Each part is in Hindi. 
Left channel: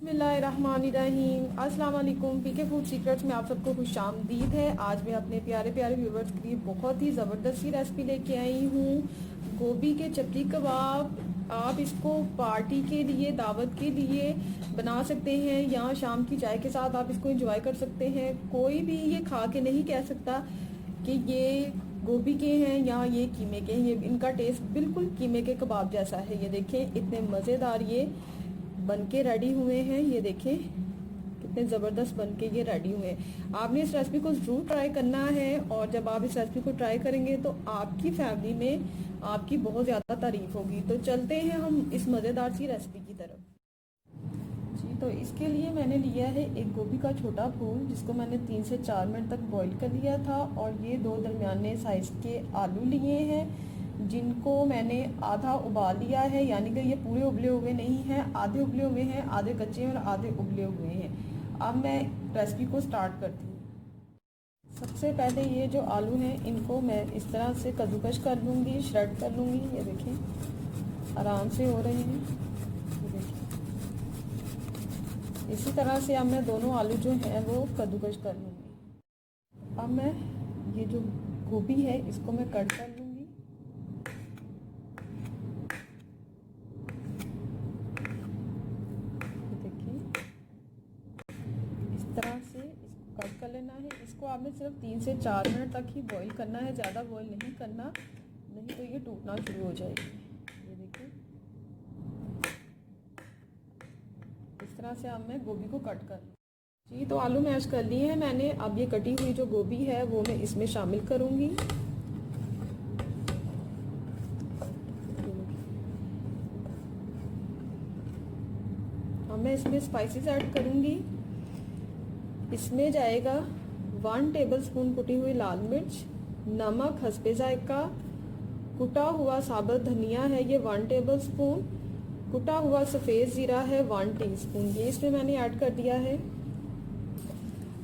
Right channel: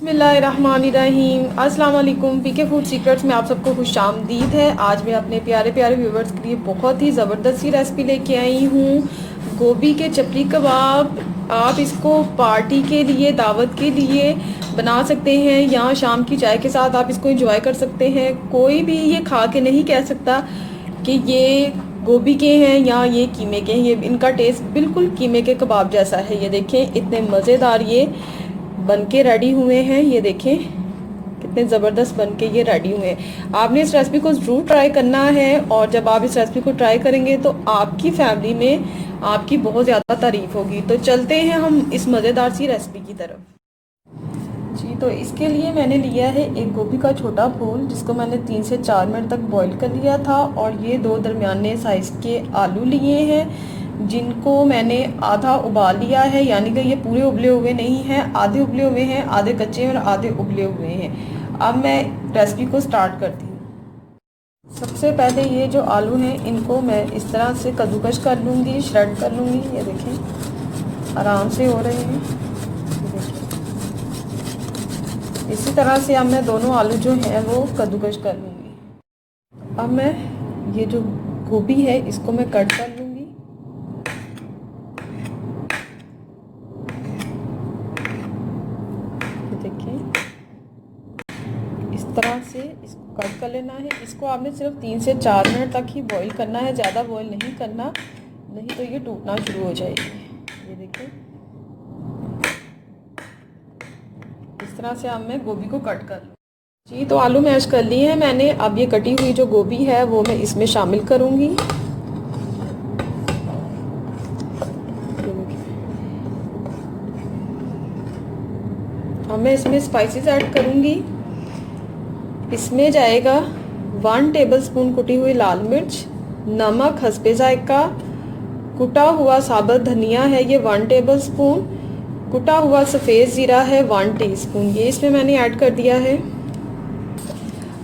बिस्मिल्लाहिर्रहमानिर्रहीम। अस्सलाम वालेकुम। पीके फूड सीक्रेट्स में आप सबको खुशामदीद है। आज मैं अपने प्यारे प्यारे व्यूवर्स के लिए बहुत ही ज़बरदस्त सी रेसिपी लेके आई हूँ। गोभी के चपली कबाब। आप इसको पार्टी के लिए, दावत के लिए बना सकते हैं या शाम की चाय के साथ आप इसको एंजॉय कर सकते हैं। कोई भी ये खा के नहीं कह सकता कि ये गोभी के हैं या ये कीमे के हैं। ये इनका टेस्ट बिल्कुल कीमे के कबाब जैसा है। ये देखें इतने मज़ेदार ये बन के रेडी हुए हैं। ये देखें कितने ज़बरदस्त बन के ये रेडी हुए हैं। आपने इस रेसिपी को ज़रूर ट्राई करना है और जब आप इस रेसिपी को ट्राई करेंगे तो आपकी फैमिली में आपकी बहुत ज़्यादा तारीफ़ होगी। तो चलते हैं हम इस मज़ेदार सी रेसिपी की तरफ। जी, तो इसके लिए मैंने लिया है एक गोभी का छोटा फूल, जिसको मैंने 3 से 4 मिनट तक बॉईल कर लिया था, और ये 2 दरमियाने साइज़ के आलू लिए हैं, जिनको मैंने आधा उबाल लिया है। यानी कि ये पूरे उबले हुए नहीं हैं, आधे उबले हुए हैं, आधे कच्चे और आधे उबले हुए हैं। अब मैं रेसिपी को स्टार्ट करती हूँ। सबसे पहले ये जो आलू हैं इनको मैं इस तरह से कद्दूकश कर लूँगी, श्रेड कर लूँगी। ये देखें आराम से हो रहे हैं। इसी तरह से अब मैं दोनों आलू जो हैं वो कद्दूकश कर लूँगी। अब मैं ये जो गोभी है इसको मैं कट कर लूँगी। ये देखिए इस तरह से इसको कट कर लेना है। इसको आपने सिर्फ 3 से 4 मिनट तक ही बॉईल करना है, ज़्यादा बॉईल नहीं करना, नहीं तो ये टूटना शुरू हो जाएगी। ये देखिए इस तरह से अब मैं गोभी को कट कर लूँ। जी, तो आलू मैश कर लिए हैं मैंने। अब ये कटी हुई जो गोभी है वो मैं इसमें शामिल करूँगी। अब मैं इसमें स्पाइसेस ऐड करूँगी। इसमें जाएगा 1 टेबलस्पून कुटी हुई लाल मिर्च, नमक हस्बे जायका, कुटा हुआ साबुत धनिया है ये 1 टेबलस्पून, कुटा हुआ सफ़ेद ज़ीरा है 1 टीस्पून, ये इसमें मैंने ऐड कर दिया है।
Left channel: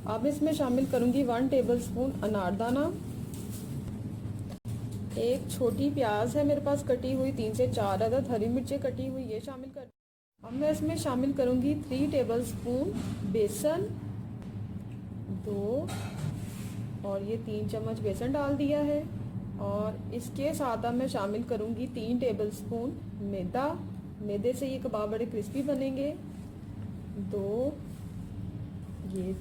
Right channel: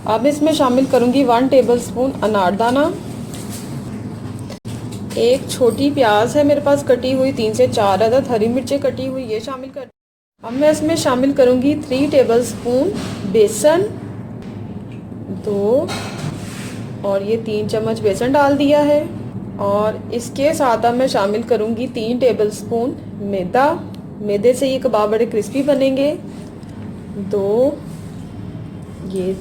अब इसमें शामिल करूंगी 1 टेबलस्पून अनारदाना, एक छोटी प्याज है मेरे पास कटी हुई, 3 से 4 अदद हरी मिर्चें कटी हुई, ये शामिल कर। अब मैं इसमें शामिल करूंगी 3 टेबलस्पून बेसन, 2 और ये 3 चम्मच बेसन डाल दिया है। और इसके साथ अब मैं शामिल करूंगी 3 टेबलस्पून मैदा। मैदे से ये कबाब बड़े क्रिस्पी बनेंगे। 2 ये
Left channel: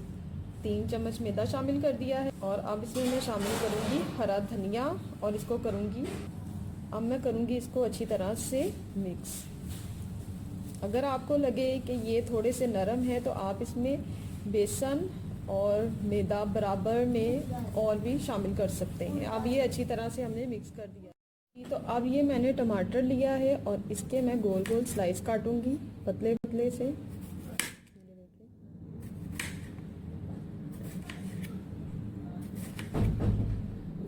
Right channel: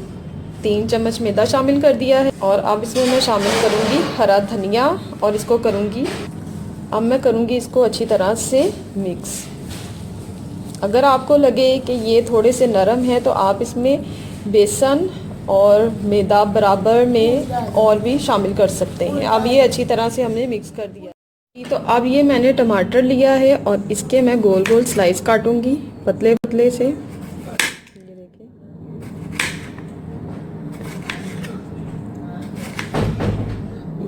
3 चम्मच मैदा शामिल कर दिया है। और अब इसमें मैं शामिल करूंगी हरा धनिया और इसको करूंगी, अब मैं करूंगी इसको अच्छी तरह से मिक्स। अगर आपको लगे कि ये थोड़े से नरम है तो आप इसमें बेसन और मैदा बराबर में और भी शामिल कर सकते हैं। अब ये अच्छी तरह से हमने मिक्स कर दिया। तो अब ये मैंने टमाटर लिया है और इसके मैं गोल गोल स्लाइस काटूंगी पतले पतले से।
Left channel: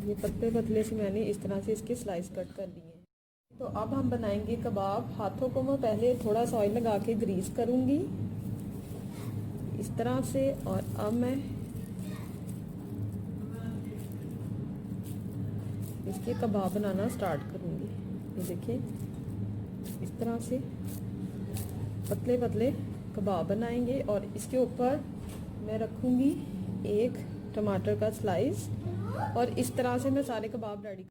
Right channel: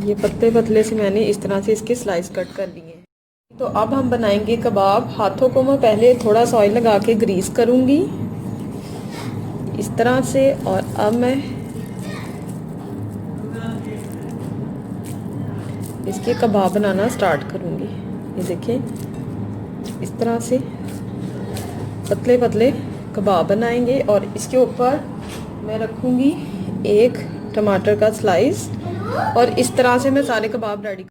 ये पतले पतले से मैंने इस तरह से इसके स्लाइस कट कर लिए हैं। तो अब हम बनाएंगे कबाब। हाथों को मैं पहले थोड़ा सा ऑयल लगा के ग्रीस करूंगी इस तरह से, और अब मैं इसके कबाब बनाना स्टार्ट करूंगी। ये देखें इस तरह से पतले पतले कबाब बनाएंगे और इसके ऊपर मैं रखूंगी एक टमाटर का स्लाइस, और इस तरह से मैं सारे कबाब रेडी।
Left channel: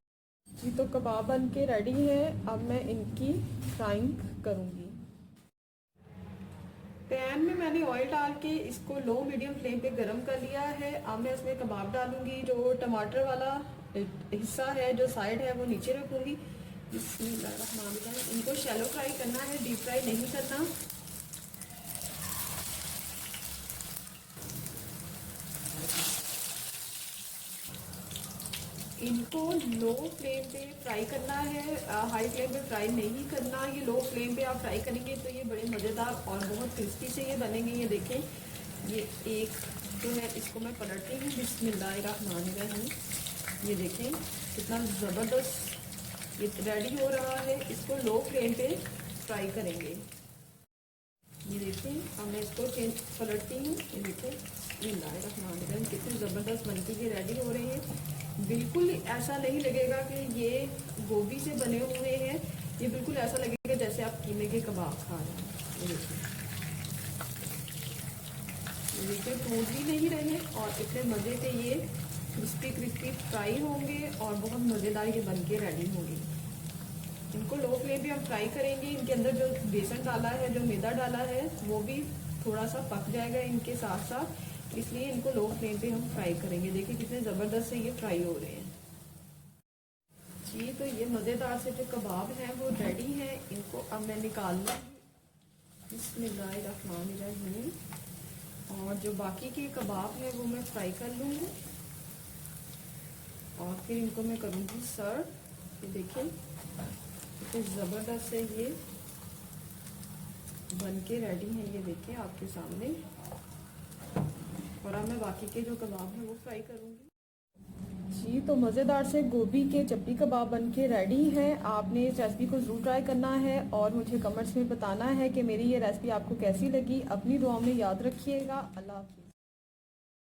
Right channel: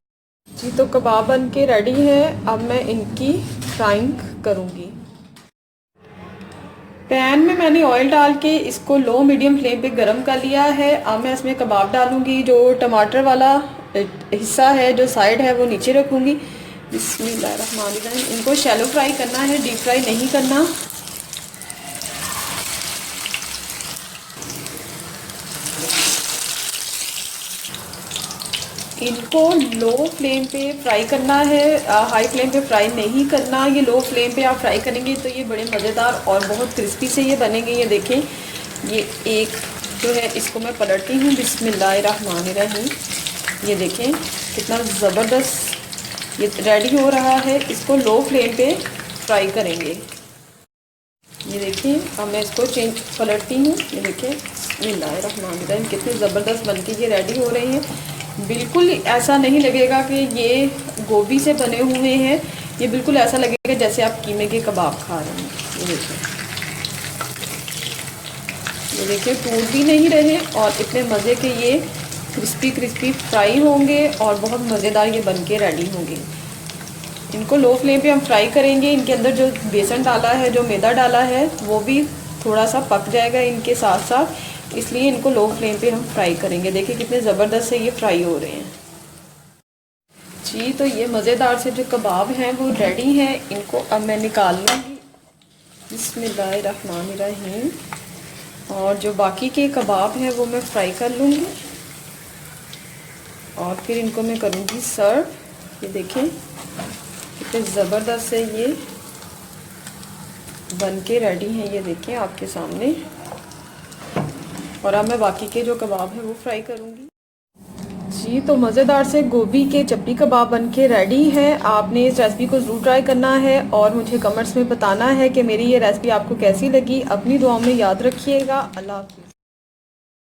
जी, तो कबाब बन के रेडी है। अब मैं इनकी फ्राइंग करूंगी। पैन में मैंने ऑयल डाल के इसको लो मीडियम फ्लेम पे गरम कर लिया है। अब मैं इसमें कबाब डालूंगी। जो टमाटर वाला हिस्सा है, जो साइड है, वो नीचे रखूंगी। बिस्मिल्लाहिर्रहमानिर्रहीम। इनको शैलो फ्राई करना है, डीप फ्राई नहीं करना। इनको लो फ्लेम पे फ्राई करना है, हाई फ्लेम पे फ्राई नहीं करना। ये लो फ्लेम पे आप फ्राई करेंगे तो ये बड़े मज़ेदार और बहुत क्रिस्पी से ये बनेंगे। ये देखें ये एक जो है इसको मैं पलटती हूँ। बिस्मिल्लाहिर्रहमानिर्रहीम। ये देखें कितना ज़बरदस्त ये रेडी हो रहा है। इसको लो फ्लेम पे फ्राई करेंगे। ये देखिए अब मैं इसको पलटती हूँ। ये देखिए बिस्मिल्लाहिर्रहमानिर्रहीम कितने ज़बरदस्त बनके ये रेडी हो रहे हैं। बिल्कुल ऐसा नहीं लगेगा कि ये गोभी से बने हुए हैं, ये बिल्कुल ऐसा लगेगा जैसे आप कीमे के कबाब खा रहे हैं। ये देखिए ये देखिए टूट भी नहीं रहे और इतने मज़े के ये क्रिस्पी क्रिस्पी फ्राई होंगे और बहुत मज़ेदार ये बन के रेडी होंगे। इनको लो फ्लेम पे हम फ्राई करेंगे। इनके अंदर जो बेसन डाला है, जो मैदा डाला है, वो भी थोड़ा सा पक जाएगा इनके साथ साथ, इसलिए इनको लो फ्लेम पे हम फ्राई करेंगे। देखिए कितने ज़बरदस्त से ये फ्राई हो रहे हैं जी। तो ये मज़ेदार से जो कबाब हैं वो रेडी हैं। इनको अब मैं निकाल लूँगी। बिस्मिल्लाहिर्रहमानिर्रहीम। और जो बाकी के कबाब हैं वो मैं फ्राई कर लूँगी और फिर इनको मैं करूँगी सर्व। ये देखें कितने ज़बरदस्त से ये बन के रेडी हैं। ये देखें आपके सामने। और अब मैं बाकी के जो कबाब हैं वो फ्राई करूँगी जी। तो मज़ेदार से गोभी के चपटी कबाब बन के रेडी है। आपने इस रेसिपी को ज़रूर ट्राई करना है और मुझे कमेंट्स में बताना है कि मेरी ये रेसिपी आपको कैसी लगी। अपनी दुआओं में याद रखिएगा। अल्लाह हाफ़िज़।